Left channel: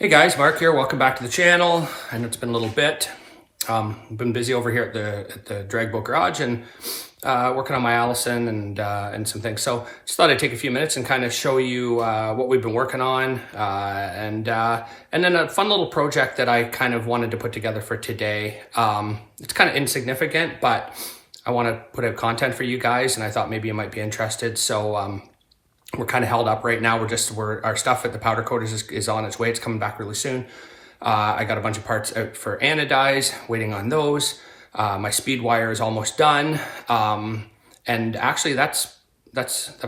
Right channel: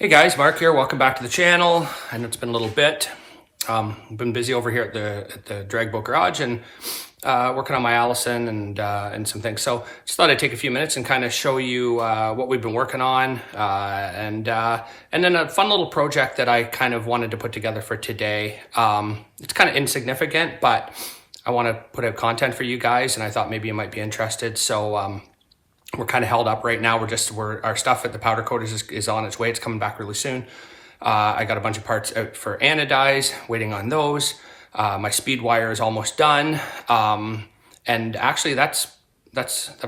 Hey guys, Mark here. Welcome back to the channel. I know it's been a little bit. I've been busy over here at the drag boat garage and working on my Allison and some things. So just thought I'd take a few minutes and kind of show you what we've been working on and then a fun little project that I kind of wanted to put together for today. It's kind of insignificant, but I want to put out content for you guys, and I thought maybe you might be interested. So we're kind of held up right now. Our stuff at the powder coaters is on its way. It's coming back really soon. I got a bunch of parts out for anodize, waiting on those. My speed wire is almost done. And actually that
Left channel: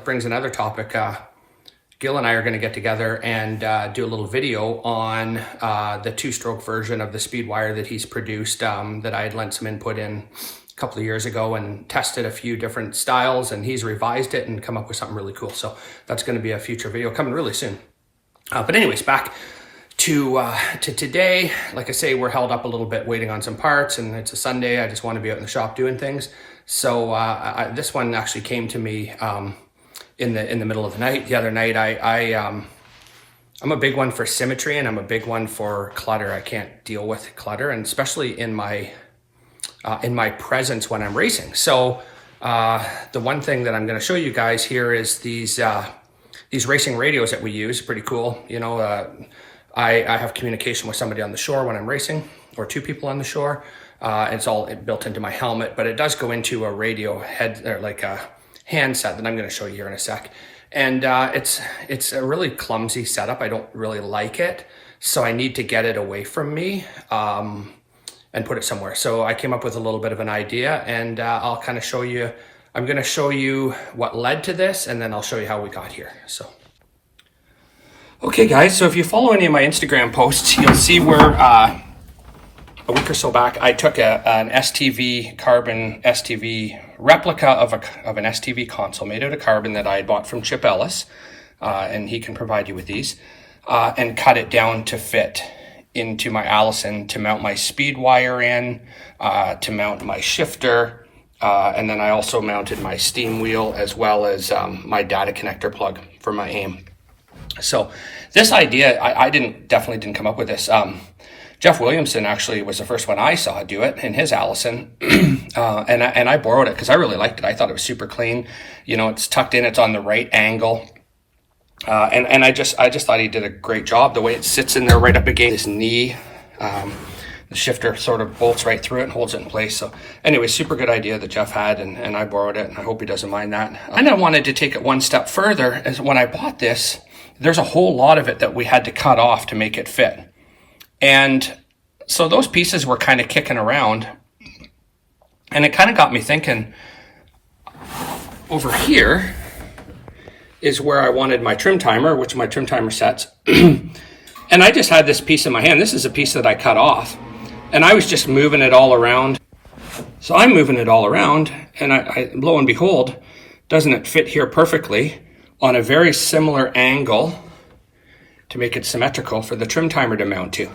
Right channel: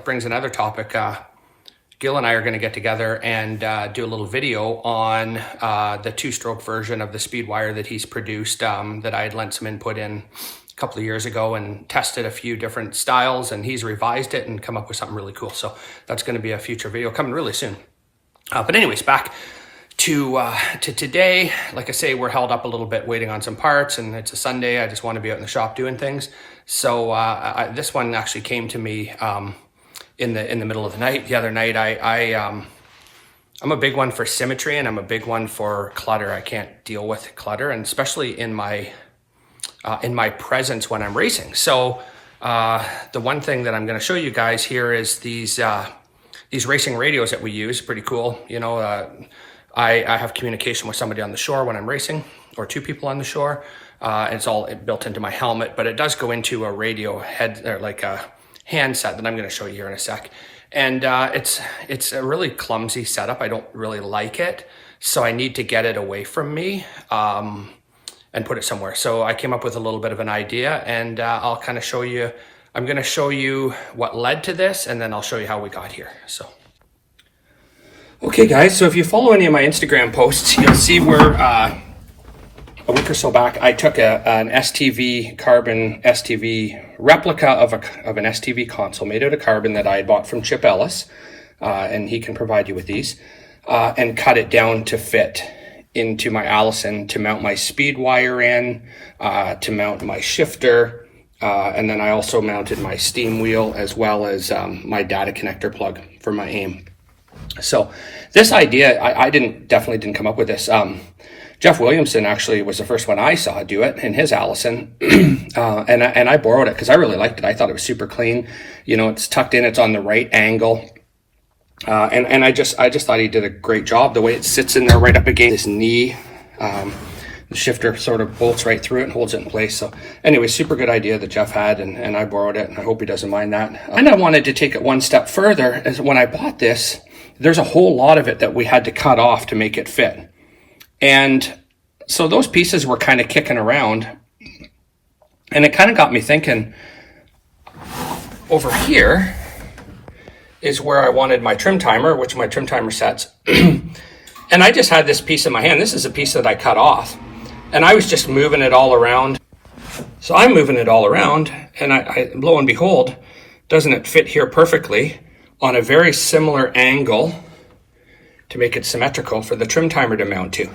brings another topic. Gil and I are going to get together and do a little video on the two-stroke version of the speed wire that he's produced, that I had lent some input in a couple of years ago and tested a few different styles, and he's revised it and come up with something really cool. So that's going to be a future video coming really soon. But anyways, back to today. Like I say, we're held up a little bit waiting on some parts, and it's a Sunday. I just want to be out in the shop doing things. So this one actually came to me in the middle of the night. The other night, I'm a big one for symmetry, and I'm a big one for clutter. I can't deal with clutter, and especially in my presence when I'm racing. So the one thing that I'm going to show you guys here is these racing radios that we use. Pretty cool. You know, I have communication with somebody on the shore when I'm racing, or two people on the shore. It's all built into my helmet, but it does go into a radio head, or like a handset that I'm going to show you here in a sec. And it's a really clumsy setup. I don't really like it, so I need to get it away from me and put it somewhere. So I came up with a little bit of an idea, and I'll kind of show you. I'm going to show you what led to this, and then I'll show you how we got here. So. Okay guys, so if you follow any of my Instagram posts, you'll see where a week or so back, I took an STV carbon STV replica of an STV console made out of carbon that I had bought from Chip Ellis, and he can provide you with these, and cut it down to fit into my Allison, to mount my speed wire in, to mount my shifter, and then I also mounted my steam wheel as well as my data connector plug for my aim. So this idea, I definitely didn't come up with this. Jeff Williamson actually was the first one I saw do it in his Allison, and I borrowed it because I really liked it. I thought it was super clean. You know, it's tucked in, it's on the right angle. And I just thought he did a great job. The way it sits in there right up against his knee, the shifter sort of bolts right through it and holds it in place. So anyway, super good idea that Jeff had, and I borrowed it, and I hope he doesn't mind that. And I wanted to take it one step further, as when I bought this, there's a whole lot of it that we had to cut off to make it fit. And so those pieces were kind of kicking around, and it kind of got me thinking, over here is where I wanted my trim timer, which my trim timer sets. And I just had this piece in my hand. This is a piece that I cut off, and I was just moving it all around. So I'm moving it all around, and I lo and behold, doesn't it fit here perfectly on a very similar angle to make it symmetrical for the trim timer to mount to.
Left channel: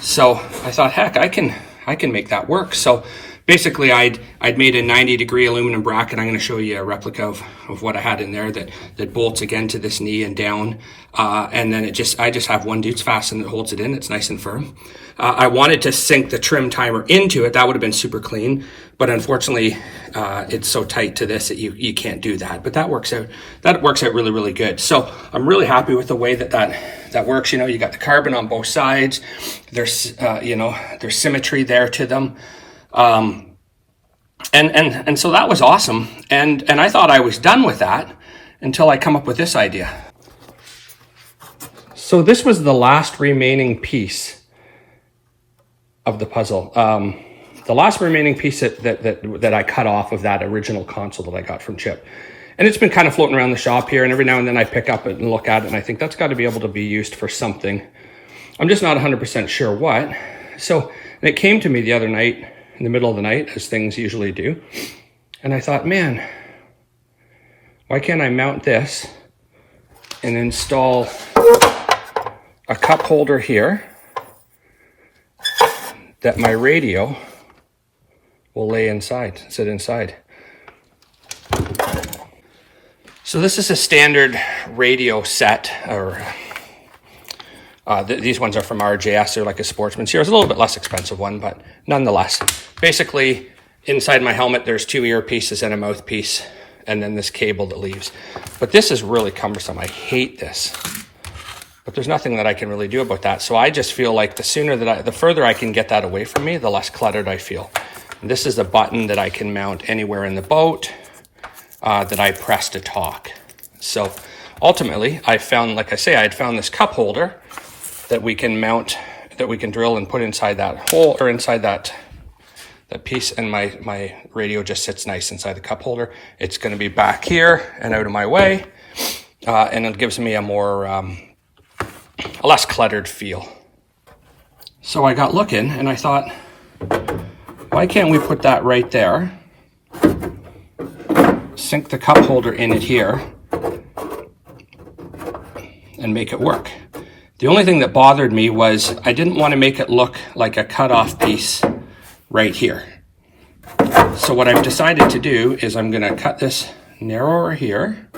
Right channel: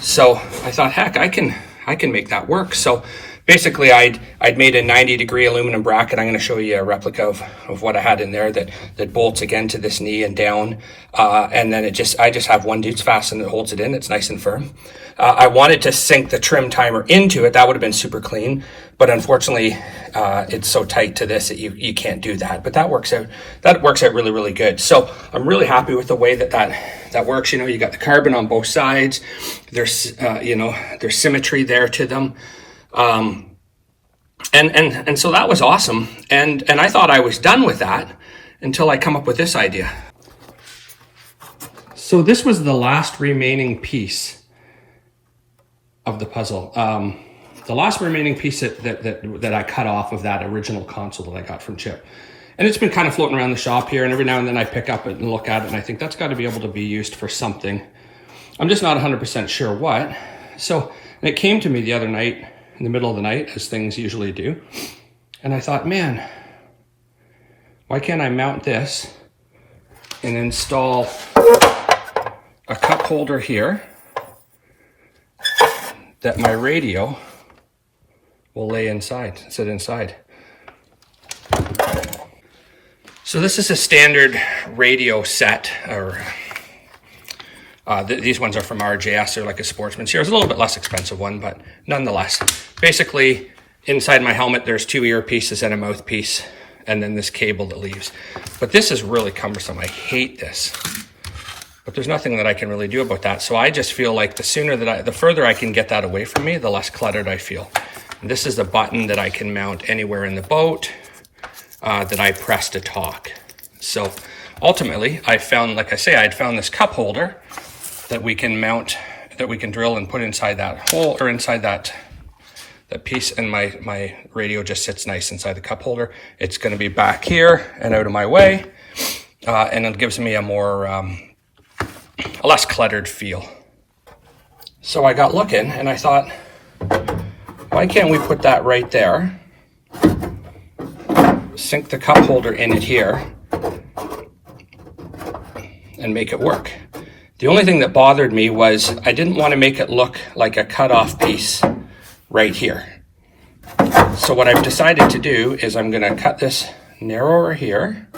So I thought, heck, I can make that work. So basically, I'd made a 90-degree aluminum bracket. I'm going to show you a replica of what I had in there that bolts again to this knee and down. And then I just have one Dutes fasten that holds it in. It's nice and firm. I wanted to sink the trim timer into it. That would have been super clean. But unfortunately, it's so tight to this that you can't do that. But that works out. That works out really, really good. So I'm really happy with the way that works. You know, you got the carbon on both sides. There's there's symmetry there to them. And so that was awesome. And I thought I was done with that until I come up with this idea. So this was the last remaining piece of the puzzle. The last remaining piece that I cut off of that original console that I got from Chip. And it's been kind of floating around the shop here, and every now and then I pick up it and look at it, and I think that's got to be able to be used for something. I'm just not 100% sure what. So it came to me the other night, in the middle of the night, as things usually do. And I thought, man, why can't I mount this and install a cup holder here that my radio will sit inside. So this is a standard radio set, or These ones are from RJS. They're like a Sportsman's here. It's a little bit less expensive one, but nonetheless. Basically, inside my helmet, there's 2 earpieces and a mouthpiece, and then this cable that leaves. But this is really cumbersome. I hate this. But there's nothing that I can really do about that. So I just feel like the further I can get that away from me, the less cluttered I feel. And this is a button that I can mount anywhere in the boat that I press to talk. So ultimately, I found, like I say, I had found this cup holder that we can mount, that we can drill and put inside that hole, or inside that piece, and my radio just sits nice inside the cup holder. It's going to be back here and out of my way, and it gives me a less cluttered feel. So I got looking and I thought, why can't we put that right there, sink the cup holder in here, and make it work? The only thing that bothered me was I didn't want to make it look like a cut-off piece right here. So what I've decided to do is I'm going to cut this narrower here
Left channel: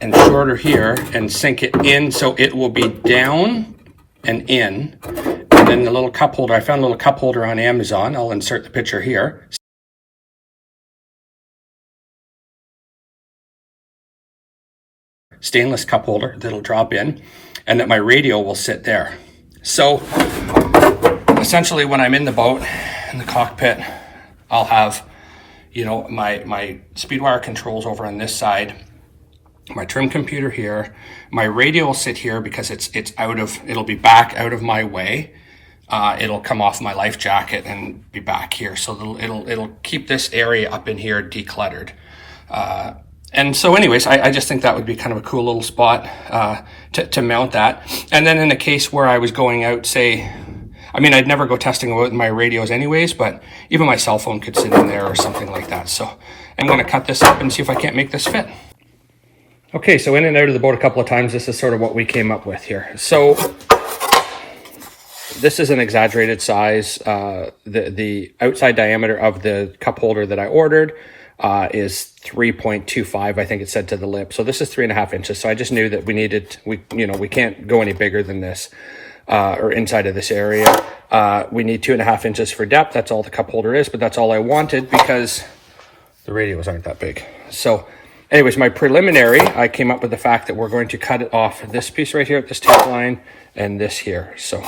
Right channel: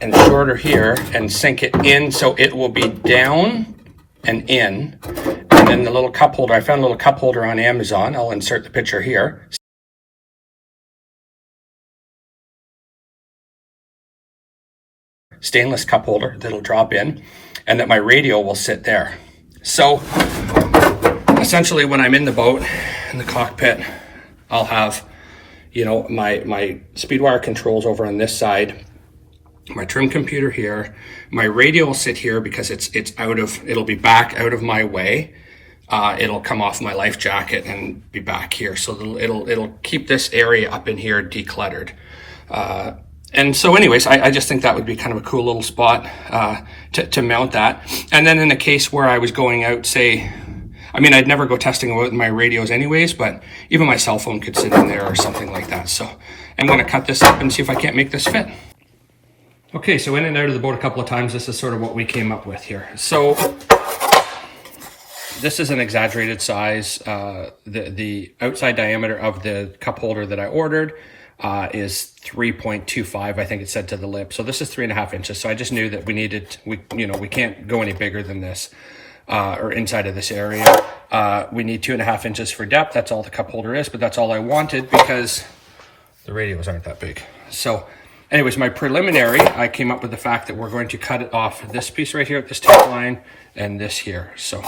and shorter here and sink it in so it will be down and in. And then the little cup holder, I found a little cup holder on Amazon. I'll insert the picture here. Stainless cup holder that'll drop in, and that my radio will sit there. So essentially when I'm in the boat, in the cockpit, I'll have, you know, my speed wire controls over on this side, my trim computer here, my radio will sit here because it'll be back out of my way. It'll come off my life jacket and be back here. So it'll keep this area up in here decluttered. And so anyways, I just think that would be kind of a cool little spot to mount that. And then in the case where I was going out, say, I mean, I'd never go testing with my radios anyways, but even my cell phone could sit in there or something like that. So I'm going to cut this up and see if I can't make this fit. Okay, so in and out of the boat a couple of times, this is sort of what we came up with here. So this is an exaggerated size. The outside diameter of the cup holder that I ordered is 3.25, I think it said to the lip. So this is 3.5 inches. So I just knew that we can't go any bigger than this, or inside of this area. We need 2.5 inches for depth. That's all the cup holder is, but that's all I wanted because the radios aren't that big. So anyways, my preliminary, I came up with the fact that we're going to cut it off this piece right here at this tape line and this here. So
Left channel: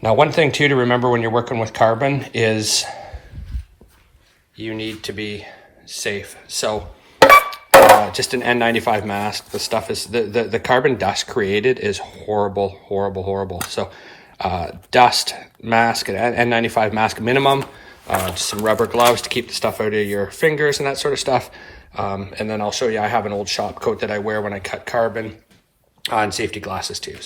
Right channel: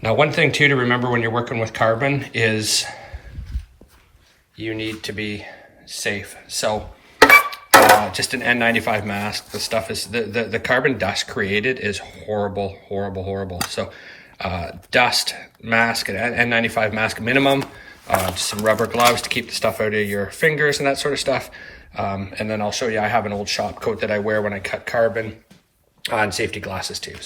now one thing too to remember when you're working with carbon is you need to be safe. So just an N95 mask. The stuff is, the carbon dust created is horrible, horrible, horrible. So dust mask, an N95 mask minimum, some rubber gloves to keep the stuff out of your fingers and that sort of stuff. And then I'll show you, I have an old shop coat that I wear when I cut carbon, and safety glasses too.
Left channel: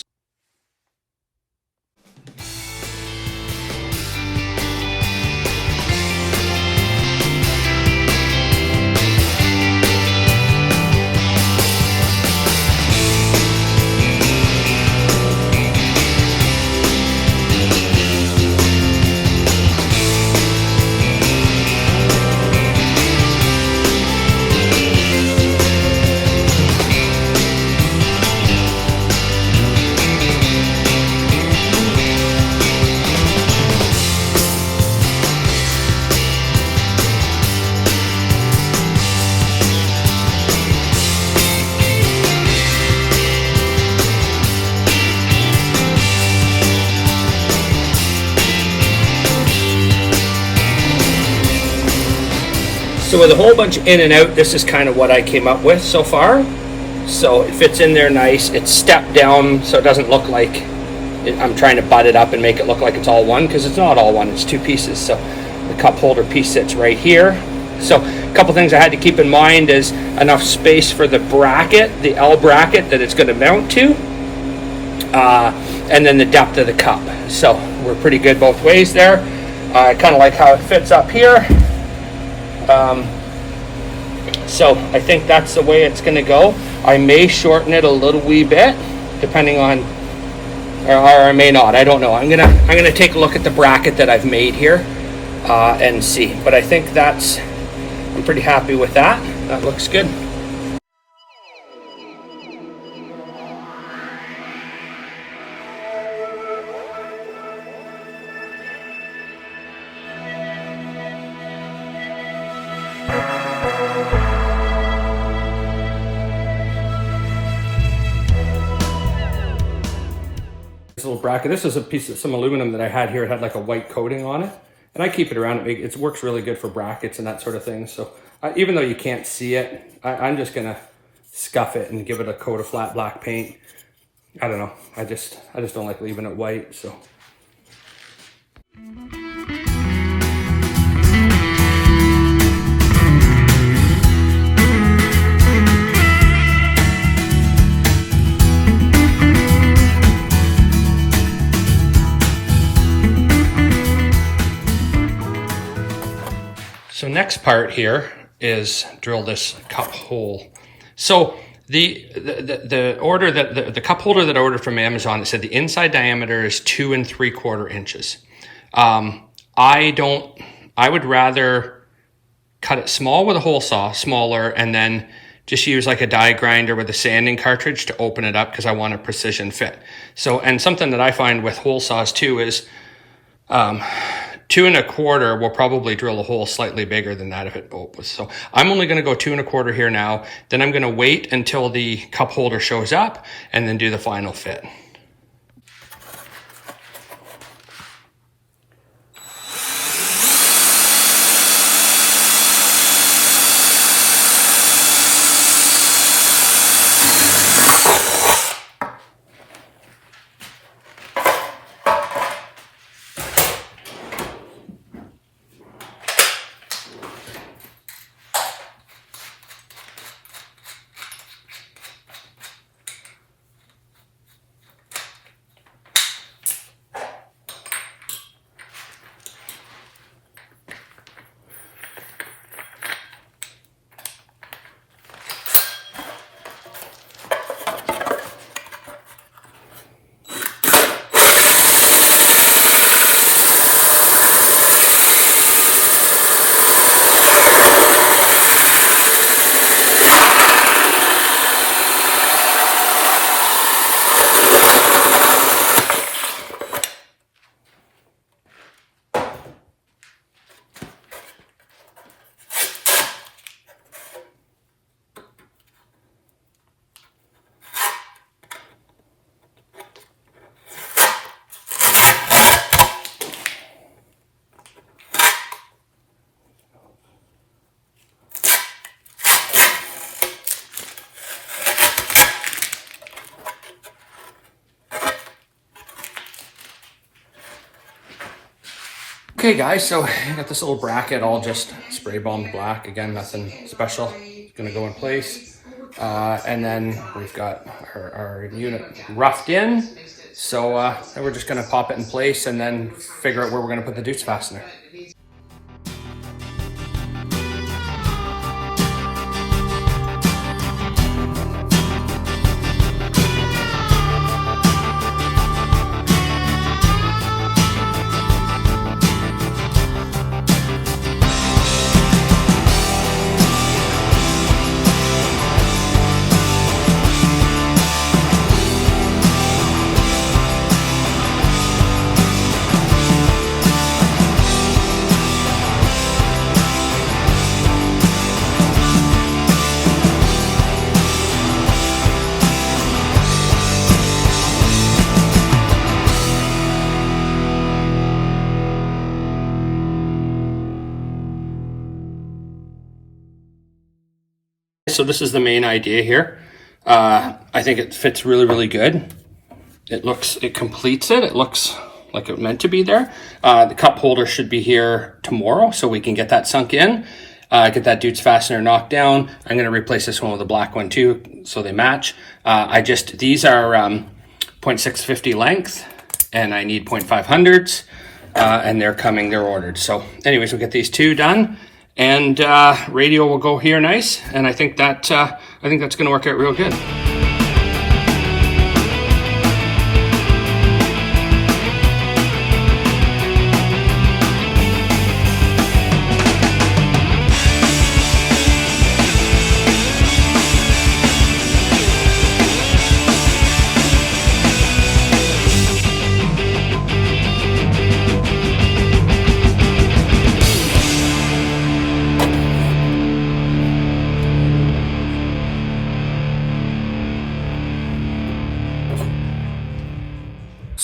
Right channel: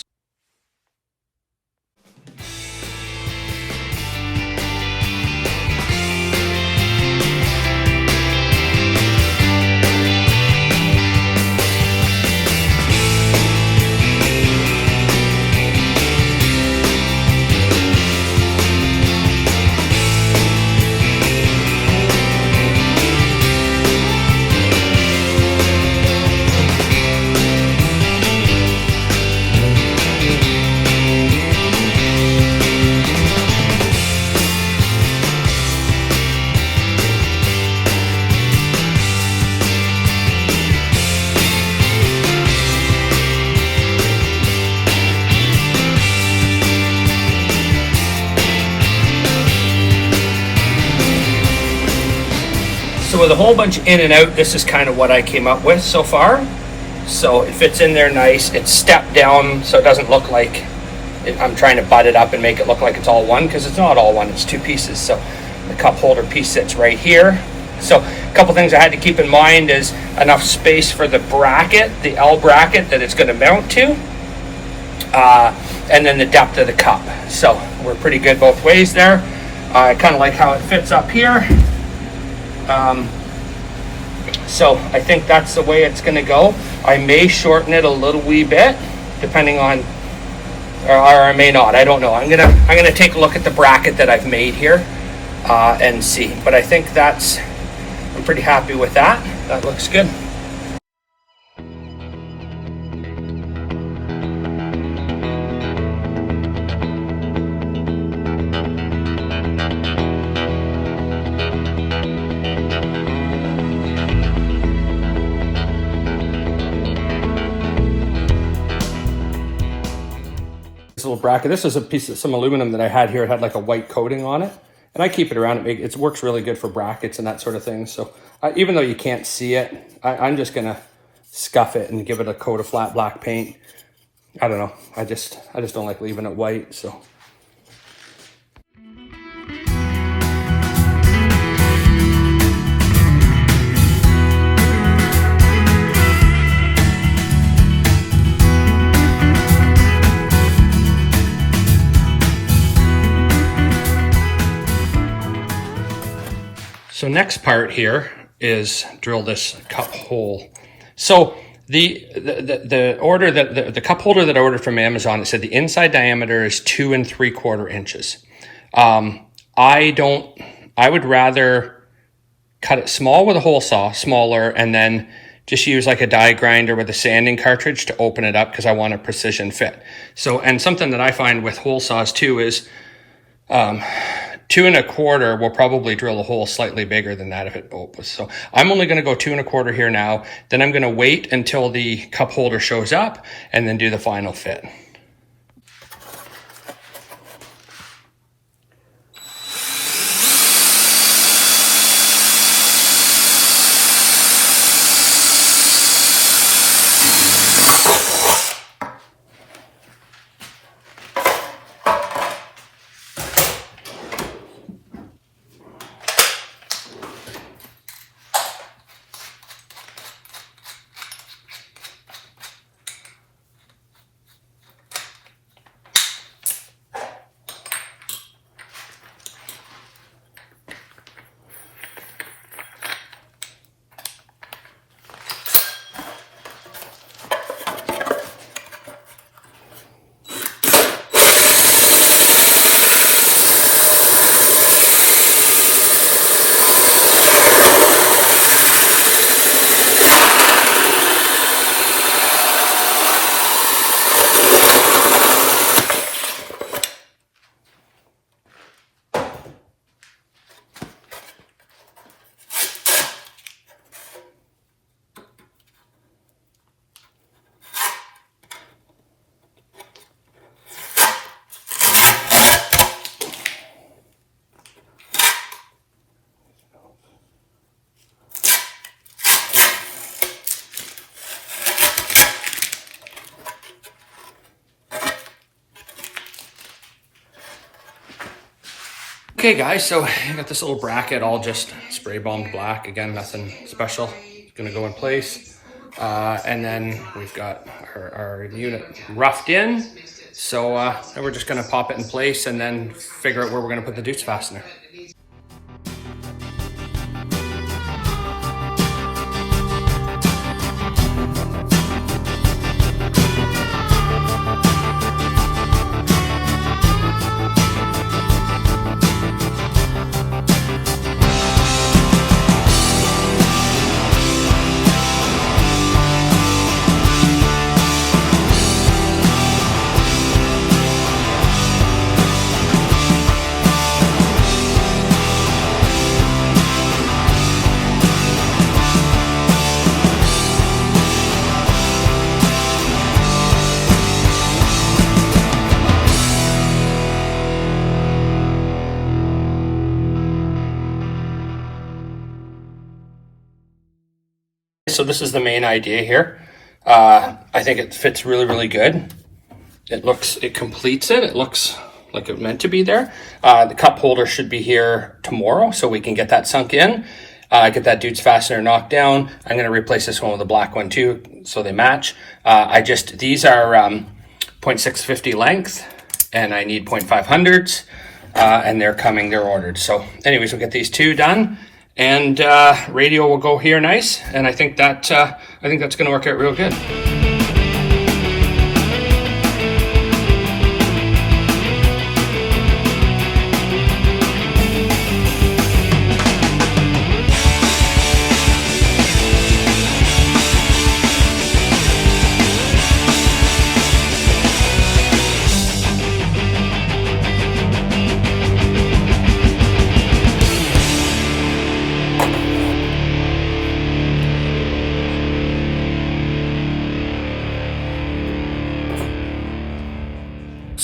So with a whole bunch in and out, this is kind of what I came up with so far. So it fits in there nice. It's stepped down so it doesn't look like I'm trying to butt it up and make it look like it's all one, because it's not all one, it's two pieces. So the cup holder piece sits right here. So a couple things I had to keep in mind is enough space for the bracket, the L bracket that it's going to mount to, and then the depth of the cup. So we're pretty good both ways there. I kind of like how it fits up here. So I think that's the way it's going to go. I may shorten it a little wee bit, depending on, or I may not. I don't know. I'm gonna take a look at the bracket that I've made here and see. But I think I'm pretty happy with that. That looks good. little bracket. This is a piece of some aluminum that I had here. It had like a white coating on it. And I keep it around. It works really good for brackets and that sort of thing. So even though you can't see it, I'm just going to scuff it and give it a coat of flat black paint. I don't know. I just don't like leaving it white. So. So next part here is drill this cup hole. So the order that the cup holder that I ordered from Amazon, it said the inside diameter is 2 3/4 inches. I would rather cut it small with a hole saw, smaller, and then just use like a die grinder with a sanding cartridge to open it up because I want a precision fit. So, and something that I find with hole saws too is 2 1/4 will probably drill a hole slightly bigger than that if it opens. So I'm only going to go 2 1/4 here now. Then I'm going to wait until the cup holder shows up and then do the final fit. Okay guys, so I got this little bracket all just spray bombed black. Again, nothing special. It's gonna go in place. And then we've got our unit roughed in. So then we're just gonna pop it in place and then figure out where we're gonna put the Deutz fastener. So this is the main idea here. I think it fits really, really good. It completes it. It looks like it meant to be there. The cup holder should be here tomorrow so we can get that sunk in. Get that Deutz fastener knocked down. I'm going to replace this one with a black one too so they match. These are 0.650 length and I need 0.500s and they're ordered. So anyways, we'll get these two done. And radio will go here nice, and I think that's going to work out real good.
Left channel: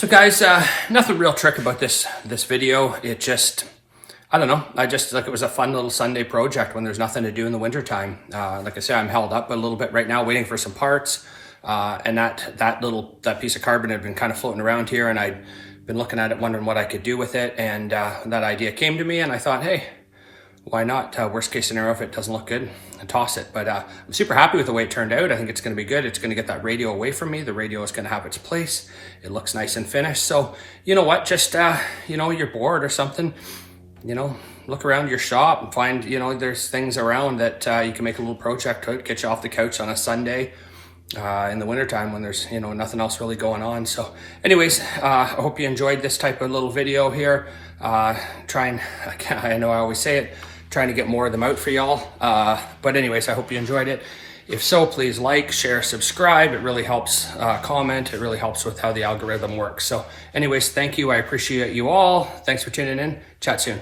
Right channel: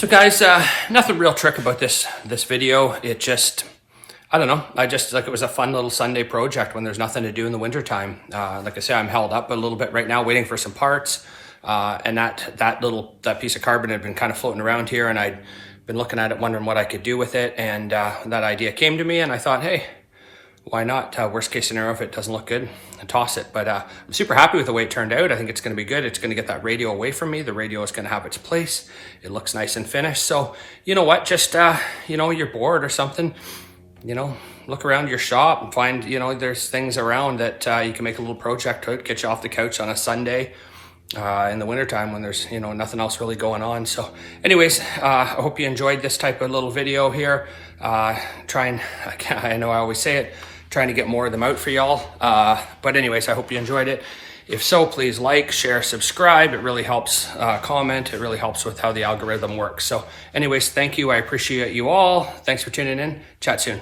So guys, nothing real trick about this video. It just, I don't know. I just like it was a fun little Sunday project when there's nothing to do in the wintertime. Like I said, I'm held up a little bit right now waiting for some parts. And that piece of carbon had been kind of floating around here, and I'd been looking at it wondering what I could do with it. And that idea came to me, and I thought, hey, why not? Worst case scenario, if it doesn't look good, I toss it. But I'm super happy with the way it turned out. I think it's going to be good. It's going to get that radio away from me. The radio is going to have its place. It looks nice and finished. So you know what? Just, you're bored or something, look around your shop and find, there's things around that you can make a little project out, get you off the couch on a Sunday in the wintertime when there's, nothing else really going on. So anyways, I hope you enjoyed this type of little video here. I know I always say it, trying to get more of them out for y'all. But anyways, I hope you enjoyed it. If so, please like, share, subscribe. It really helps. Comment. It really helps with how the algorithm works. So anyways, thank you. I appreciate you all. Thanks for tuning in. Chat soon.